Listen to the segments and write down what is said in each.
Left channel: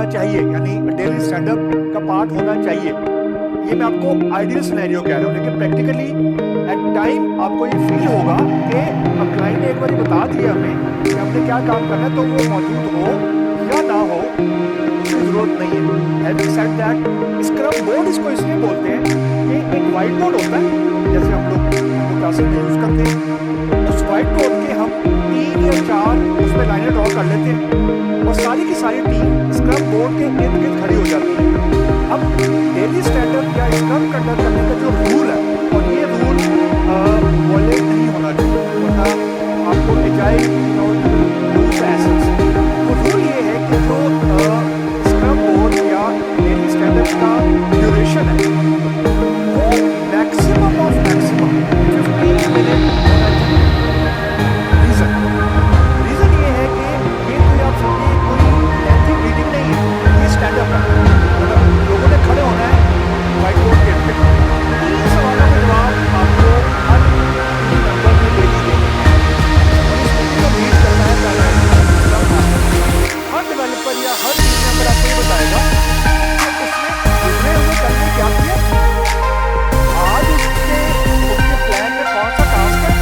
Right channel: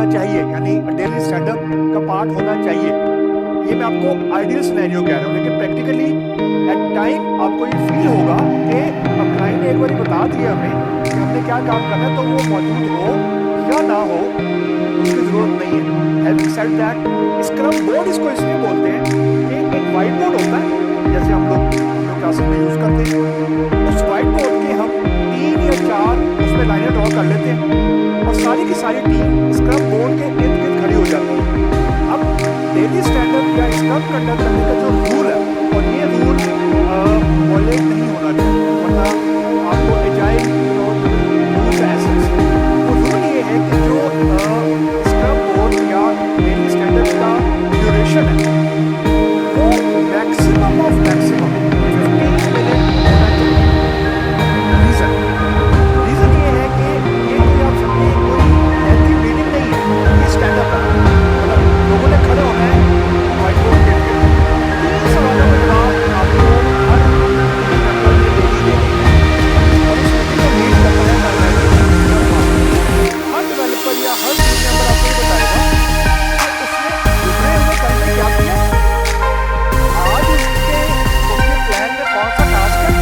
होना चाहिए, यानी डेली स्टैंडअप का पार्ट होना चाहिए। ये मैं आपको आइडियल सिनेरियो कह रहा हूँ, लेकिन प्रैक्टिकली एट टाइम आपको ये फील होगा कि क्लाइंट ने एक बार बता दिया हमें कि हमने क्या काम करना है, तो वो मौजूद हो या ना हो उसकी जरूरत नहीं है। Having said that, scrum board इसको इसलिए बोलते हैं कि एक वाइट बोर्ड होता है, जैसे हम लोग क्लासेस में यूज करते हैं। उस वाइट बोर्ड के हम 3 या 4 उसमें लाइनें ड्रॉ कर लेते हैं और सारी की सारी टीम स्क्रम बोर्ड के इर्द गिर्द खड़ी हो जाती है। अब डेली स्टैंडअप या स्क्रम कंडक्ट करने का जो रूल है, और ये रूल वॉयलेट नहीं होना चाहिए, वरना आपको एजाइल लूज द एसेंस। वो रूल ये है कि जो स्क्रम बोर्ड या डेली स्टैंडअप का ड्यूरेशन है वो मैक्सिमम ऑफ मैक्सिमम 15 मिनट होना चाहिए। रीजन ये है कि ये कोई आप समझिए कोई लेंथी मीटिंग नहीं है, ये स्टैंडअप है। मतलब लोगों ने खड़े होना है व्हाइट बोर्ड के ऊपर, 3 सवालों के जवाब आपको हर टीम मेंबर ने डेली देने हैं और इस मीटिंग को लीड करता है प्राइमरी स्क्रम मास्टर। हर डेवलपर या हर टीम मेंबर आपको ये बताएगा कि उसने गुजरे हुए कल में क्या किया, आज उसके प्लान में कौन सा टास्क है,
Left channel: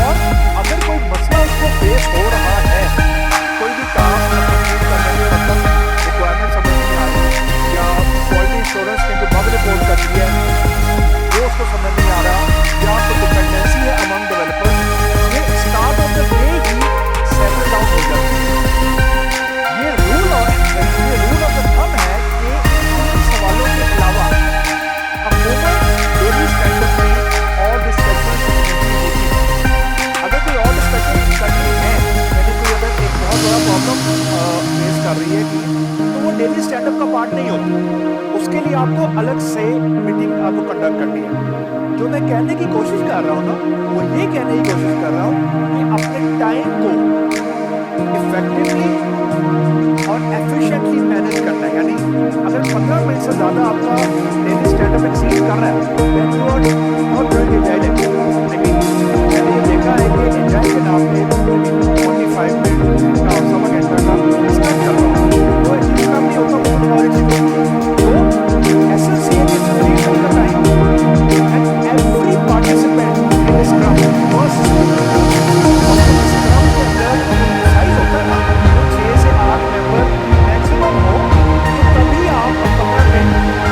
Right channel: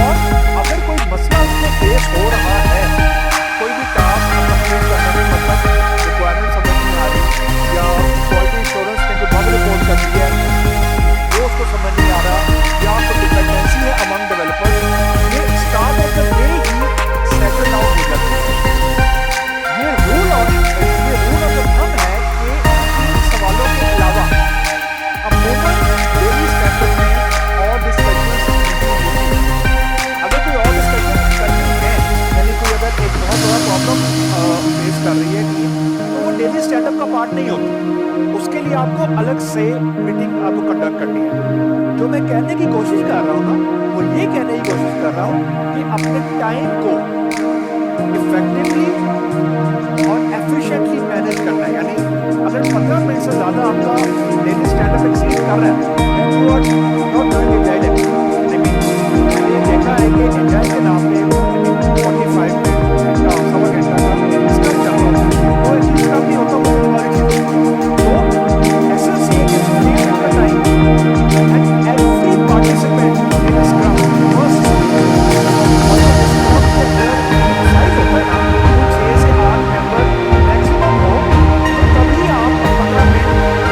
और अगर कोई मसला उसको फेस हो रहा है, कोई भी टास्क कंप्लीट करने में मतलब रिक्वायरमेंट समझ नहीं आ रही या क्वालिटी एश्योरेंस ने कोई बग रिपोर्ट कर दी है वो उसको समझ नहीं आ रहा, या कोई डिपेंडेंसी है अमंग डेवलपर्स, ये start of the day he settle down हो जाती है। ये रूल ऑफ द थंब है कि इन सवालों के अलावा अमूमन डेली स्टैंडअप में और डिस्कशंस नहीं होती। अगर कोई और डिस्कशन करनी है, यानी कोई अगर एक बहुत बड़ा प्रॉब्लम फेस कर रही है टीम, तो वो डेली स्टैंडअप का पार्ट नहीं होती। उसके लिए आपको अलग से मीटिंग आपको कंडक्ट करनी है। जो मैं कहने की कोशिश कर रहा हूँ ना, वो ये कहने की कोशिश कर रहा हूँ कि अपने टाइम को इफेक्टिवली और एफिशिएंटली मैनेज करना है। यानी अगर 15 मिनट से ज़्यादा आपका डेली स्टैंडअप एक्सीड कर रहा है, then you are not doing agile. I mean मैंने ये देखा है कि एजाइल के नाम पे 45 मिनट, घंटा और सवा घंटा का स्क्रम चल रहा होता है, तो एक्चुअली स्क्रम नहीं होता, वो कुछ और ही चीज़ होती है। तो एसेंस ये कि 3 मिनट का time and every participant in scrum must, और जब स्क्रम के अंदर साइज होता है ना, वो 6 से 8 मेंबर मैक्सिमम हो, तो तभी आप 15 मिनट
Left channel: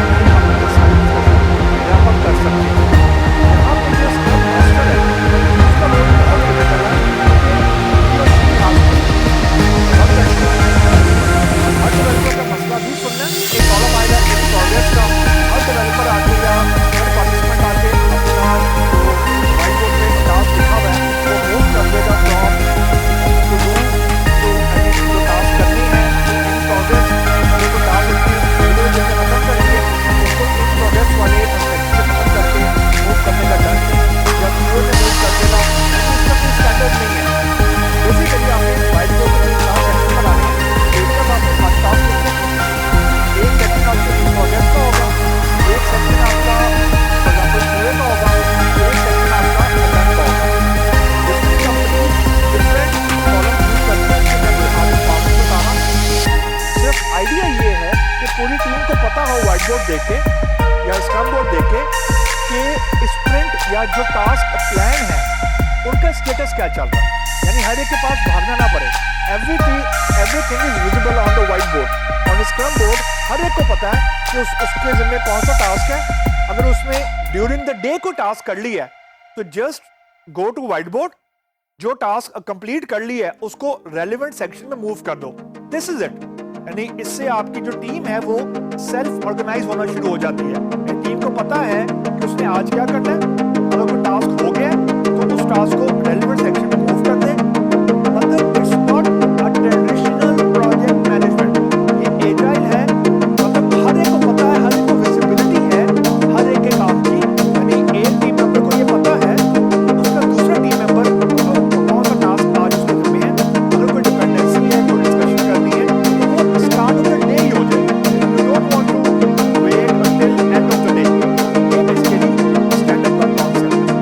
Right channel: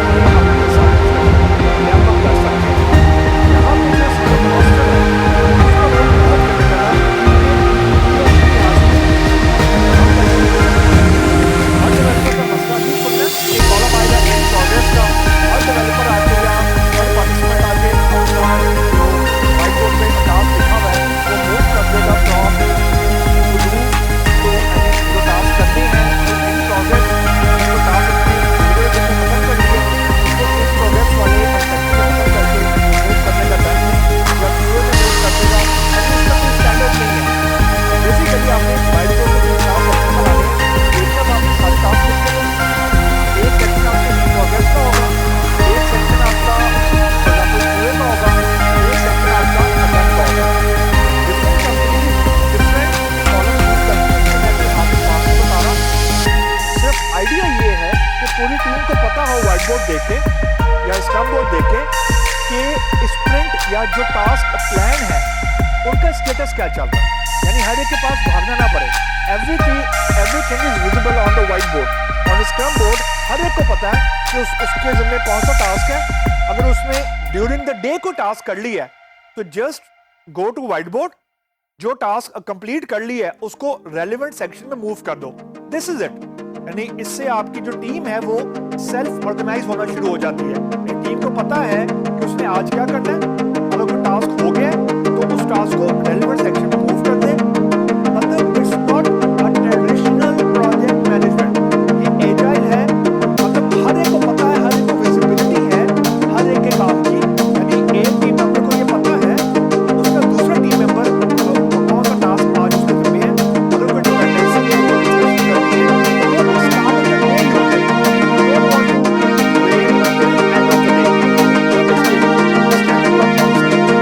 में अपनी सारी डिस्कशन रैप अप कर सकते हैं। यहाँ पे जो स्क्रम मास्टर है उसका रोल बहुत क्रिटिकल है, क्योंकि he or she has to run the show। Her developer का मसला भी सुनना, एक कॉलम आएगा इन प्रोग्रेस का, हर डेवलपर आके या हर पार्टिसिपेंट आके अपना जो व्हाइट बोर्ड पे टास्क लिखा हुआ है वो मूव कर देगा फ्रॉम टू डू तो जो टास्क करने हैं तो इन प्रोग्रेस, जो टास्क उसने पूरे दिन में खत्म कर लिए उसको इन प्रोग्रेस वाले सेक्शन से खत्म करके मूव करने का डर नहीं, या क्यूए में मूव कर देगा। इसका कोई स्टैंडर्ड नहीं है। बेसिकली आपने व्हाइट बोर्ड में 3 सेक्शन बनाने हैं, एक तरफ आपने सारे टास्क लिखने हैं, एक सेक्शन आपका इन प्रोग्रेस का होगा, एक सेक्शन आपका फॉर एग्जाम्पल क्यूए का होगा, एक सेक्शन आपका अटर्न का होगा। Different company different column use करती है, इसमें मैं कोई हाथ में पास नहीं बता रहा। सिर्फ आइडिया ये है कि पूरी टीम को पता हो व्हाइट बोर्ड देखे या स्क्रम बोर्ड देखे कि स्प्रिंट या जो टास्क प्लान है उनका स्टेटस क्या चल रहा है, यानी हर एक के पास भागना ना पड़े। Everything is visible on the white board. On scrum board हर एक को पता है कि उसके जिम्मे कौन सा टास्क है। अगर उसने ड्यूरिंग द डे को टास्क कर लिया है तो just go to white board, जो टास्क कंप्लीट कर ली है उसको रेलेवेंट सेक्शन में मूव कर दो। This is it. यानी इससे आपकी जो टीम है वो सेल्फ ऑर्गेनाइज होना शुरू हो जाती है। टीम को पता है कि उसने आज क्या करना है, अगर कोई टास्क हो गया तो उस टास्क को रेलेवेंट सेक्शन में मूव कर दे। मतलब it's not a traditional project management, ये एजाइल है। मतलब हर एक को पता है, हर एक को विजिबिलिटी है हर एक के काम की। यानी एक टीम मेंबर को ये पता है उसका दूसरा टीम मेंबर कौन सा टास्क आज उसके जिम्मे है। अगर कोई डिपेंडेंसी है, कोई डिस्कशन करनी है तो वो स्टार्ट ऑफ द डे ही हो जाए। You don't want to wait until end of the day. ये बेसिकली स्टैंडअप का कॉन्सेप्ट है।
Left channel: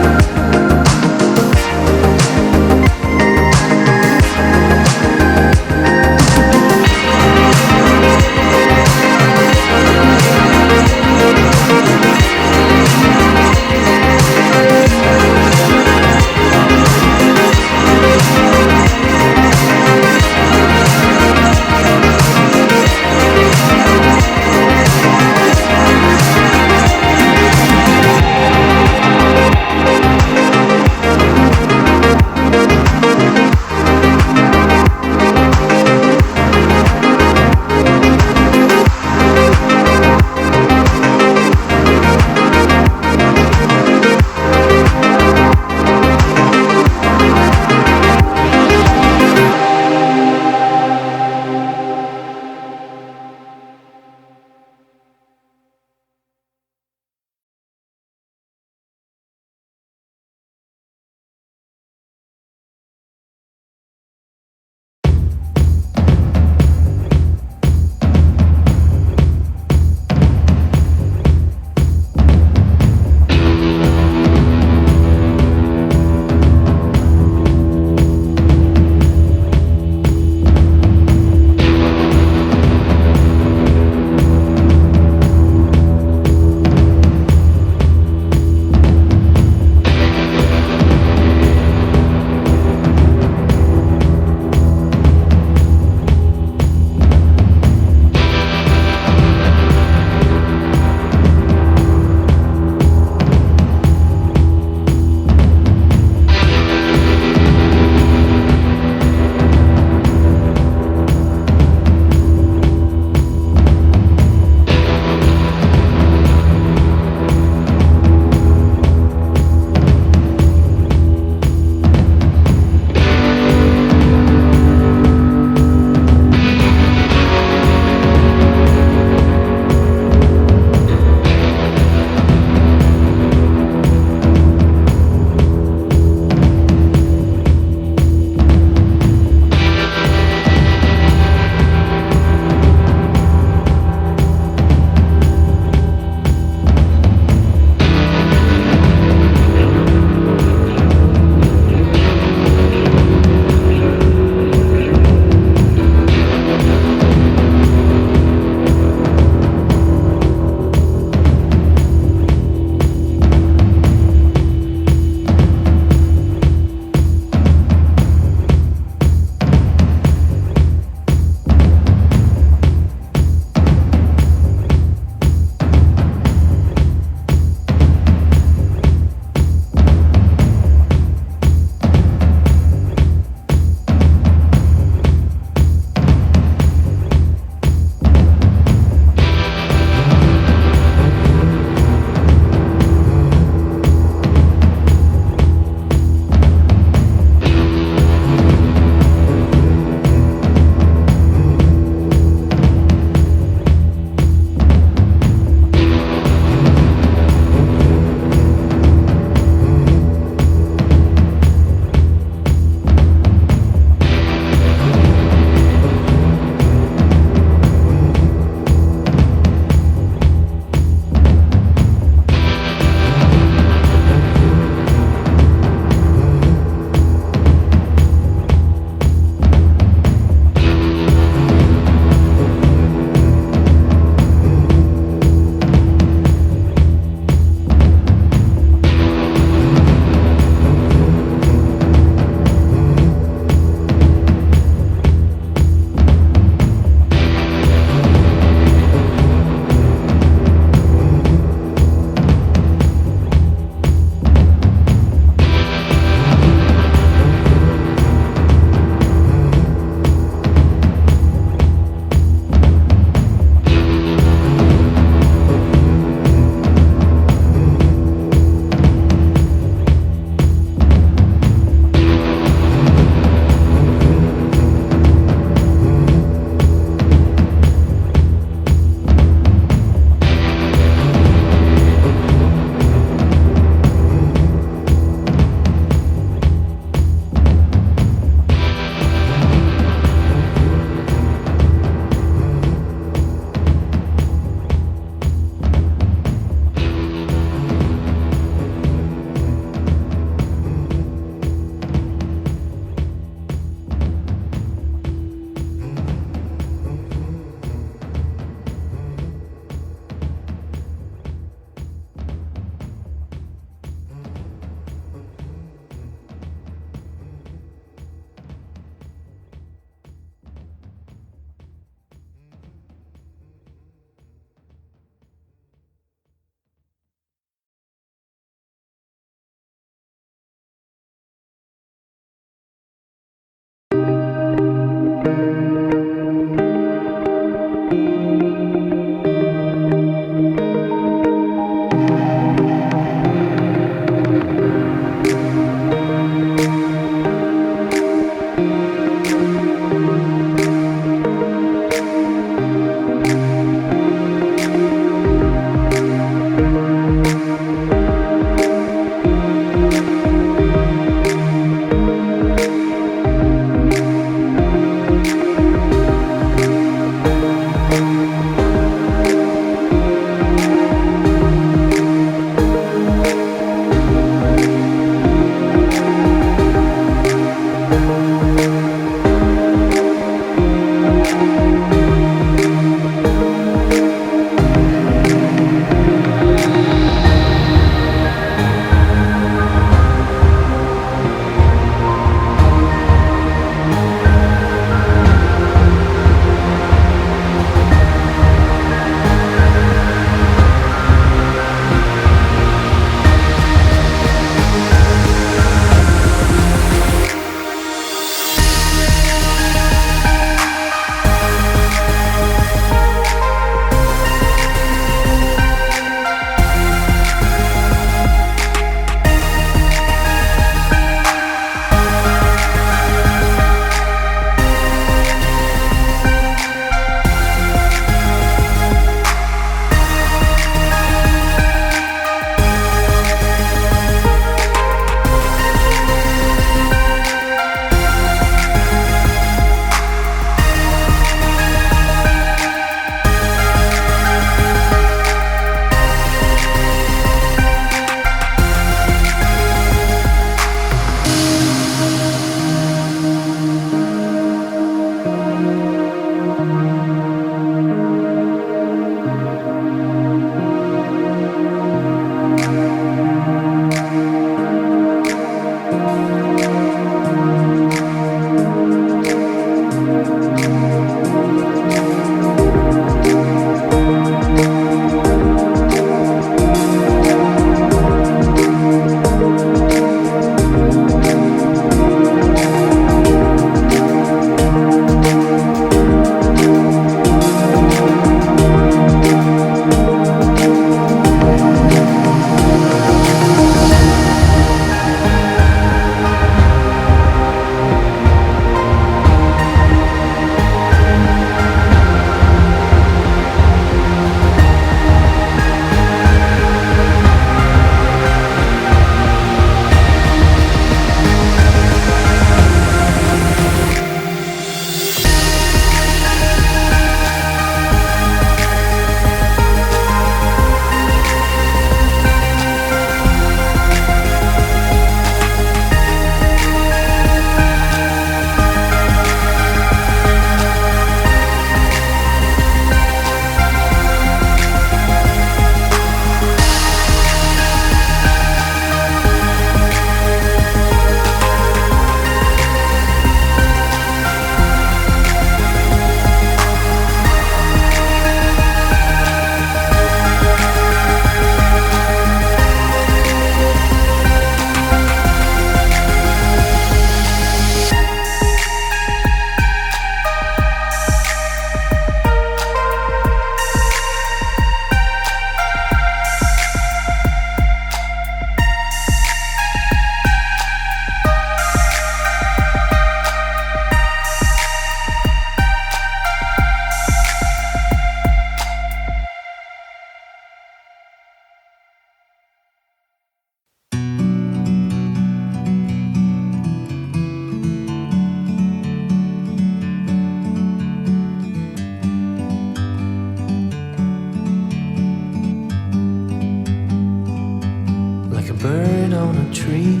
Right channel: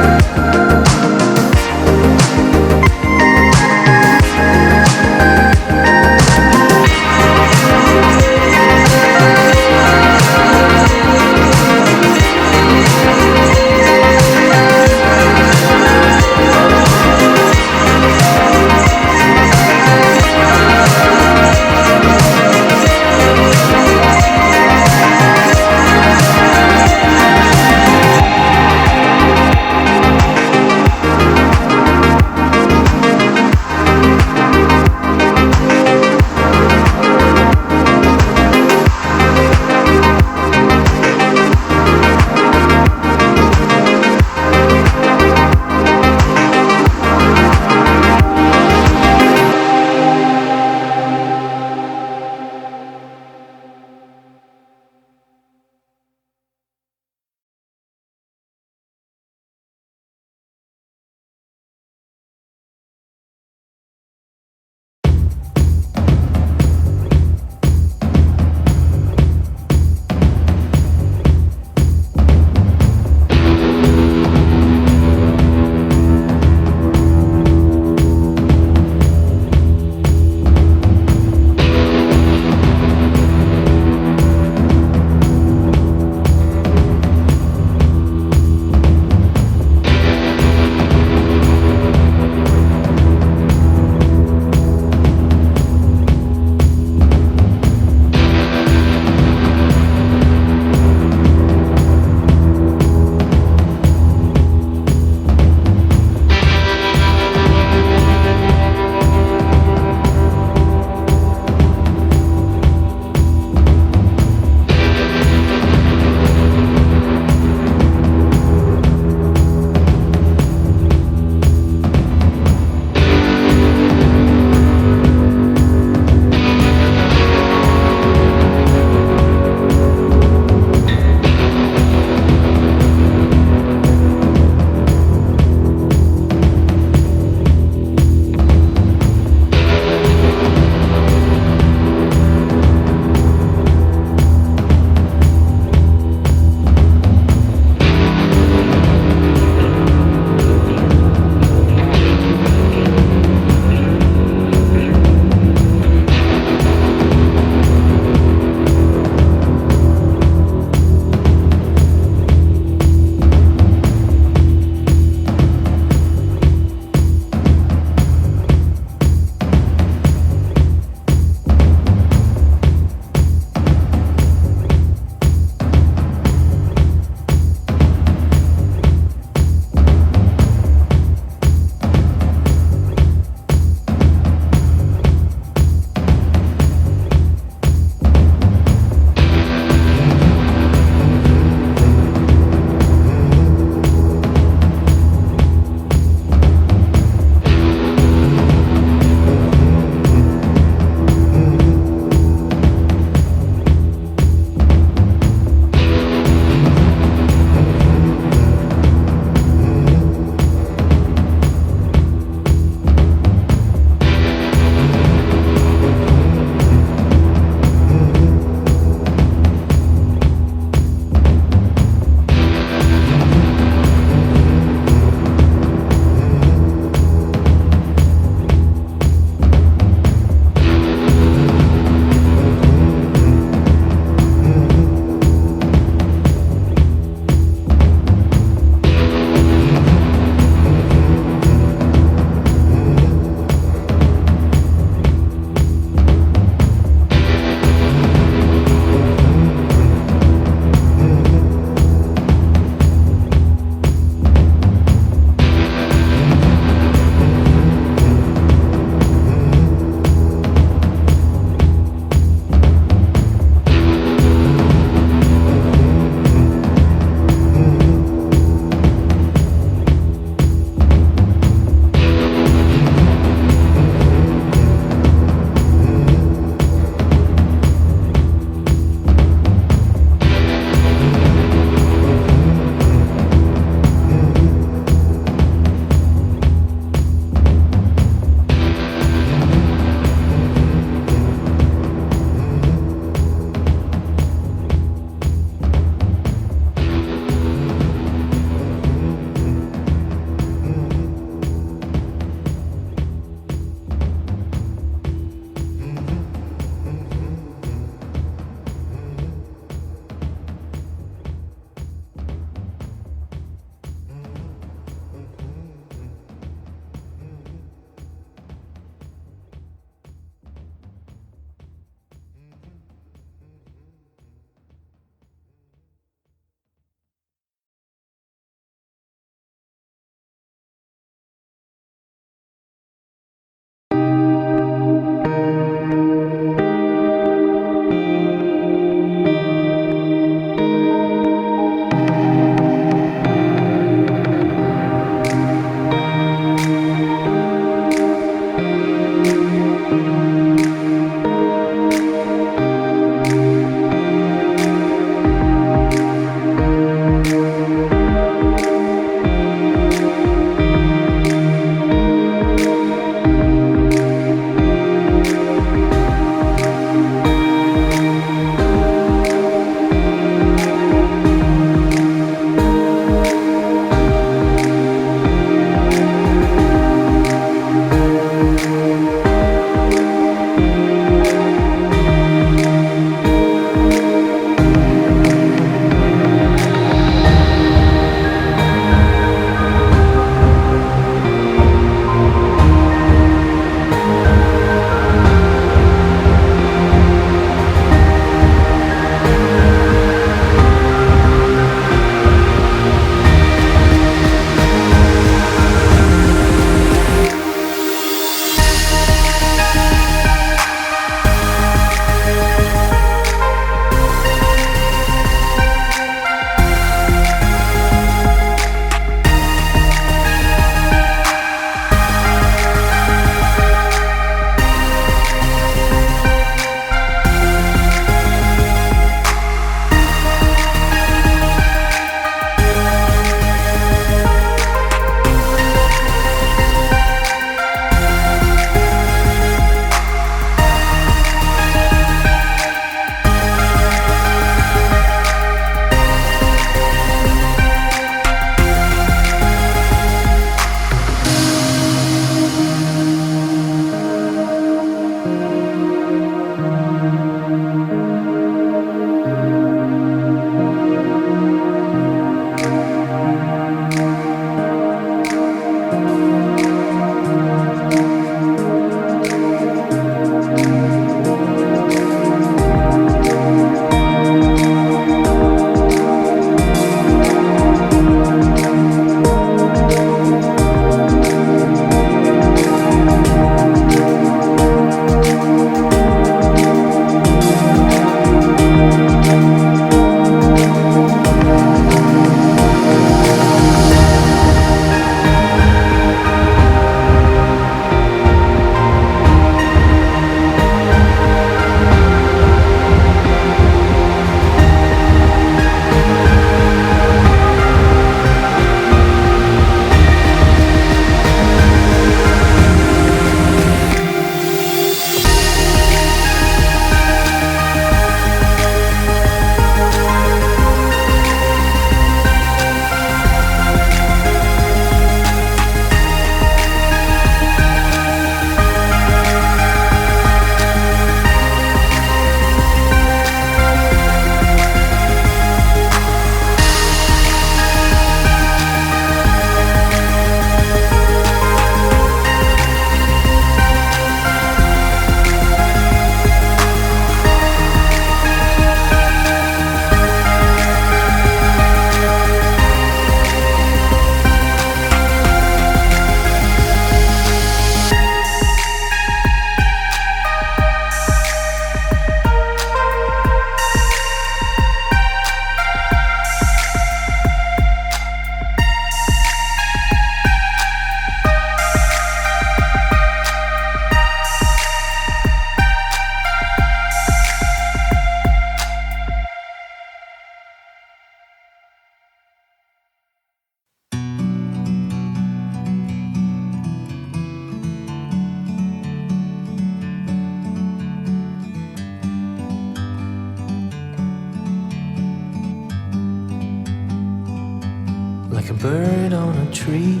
bird on a tree.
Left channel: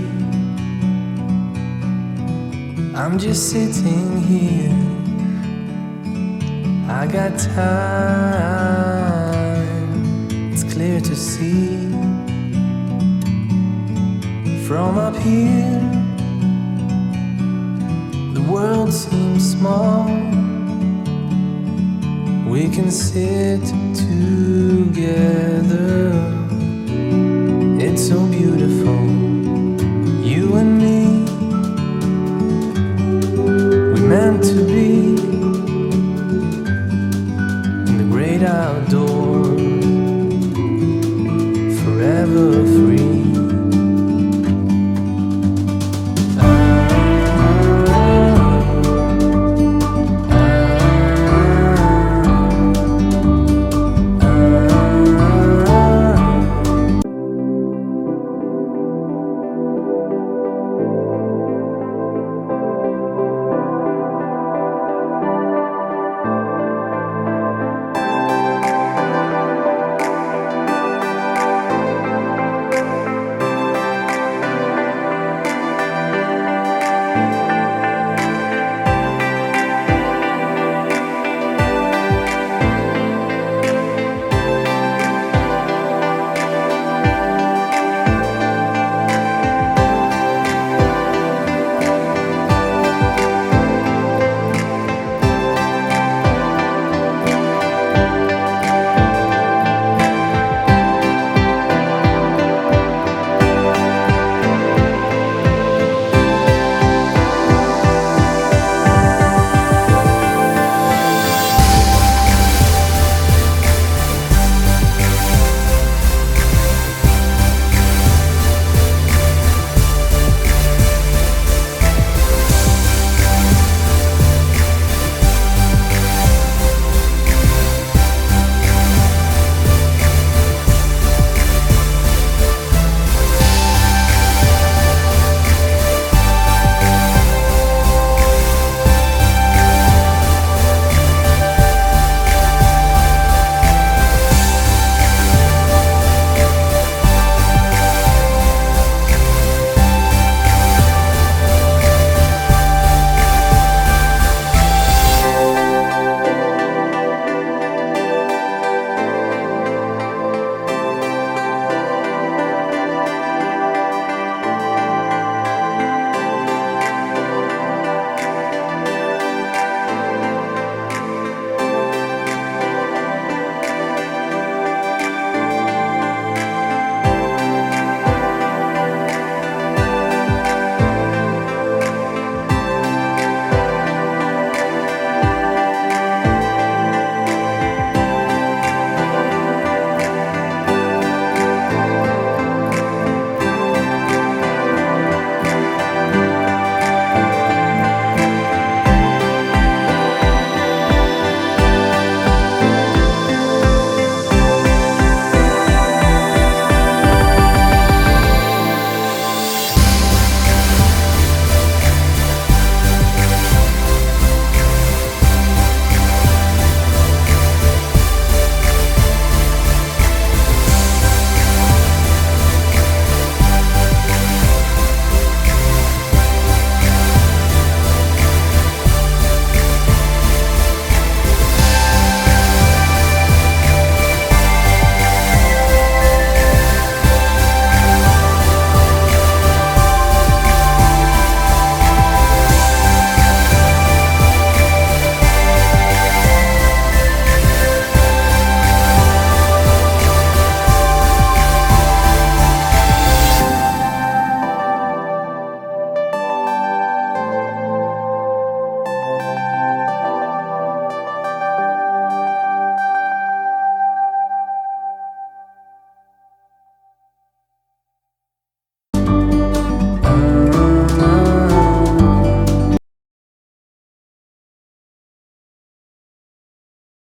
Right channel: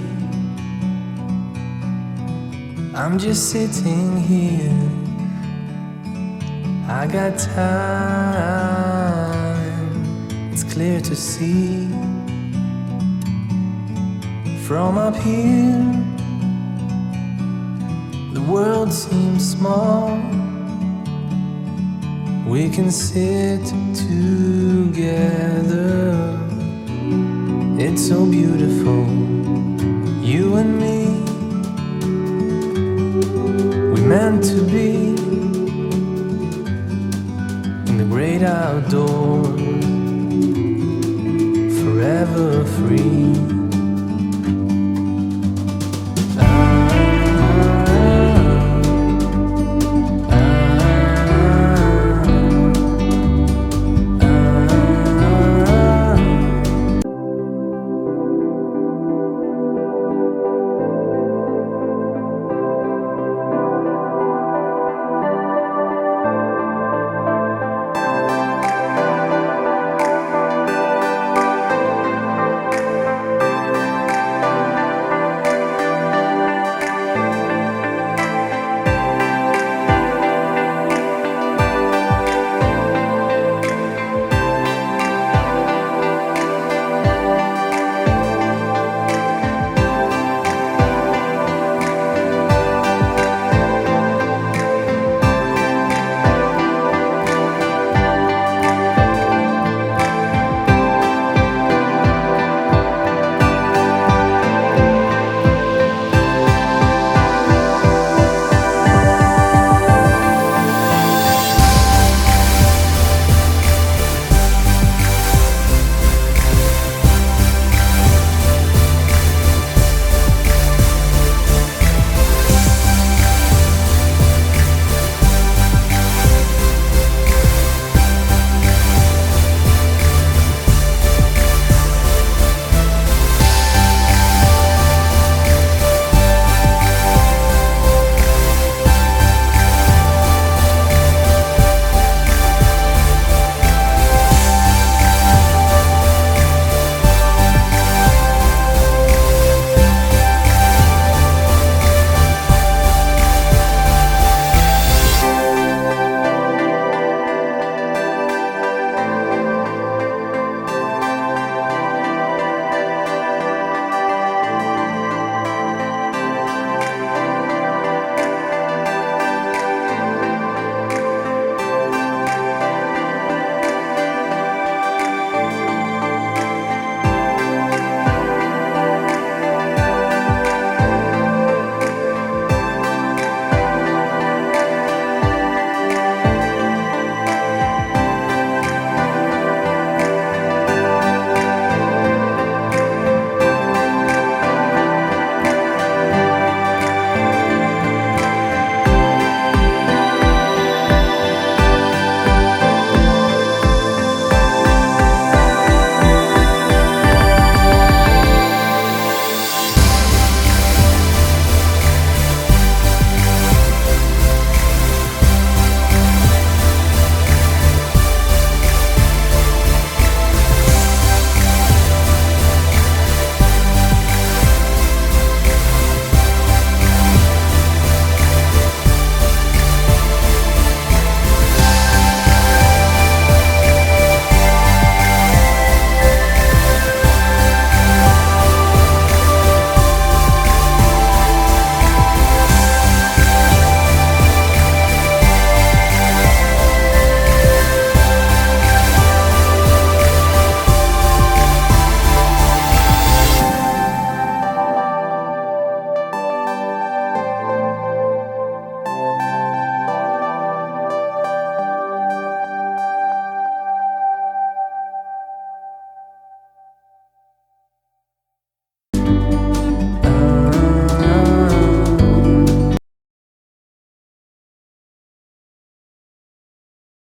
I'm just sitting here, I got time, it's clear to see. From up here, the world seems small. We can sit together, it's so beautiful.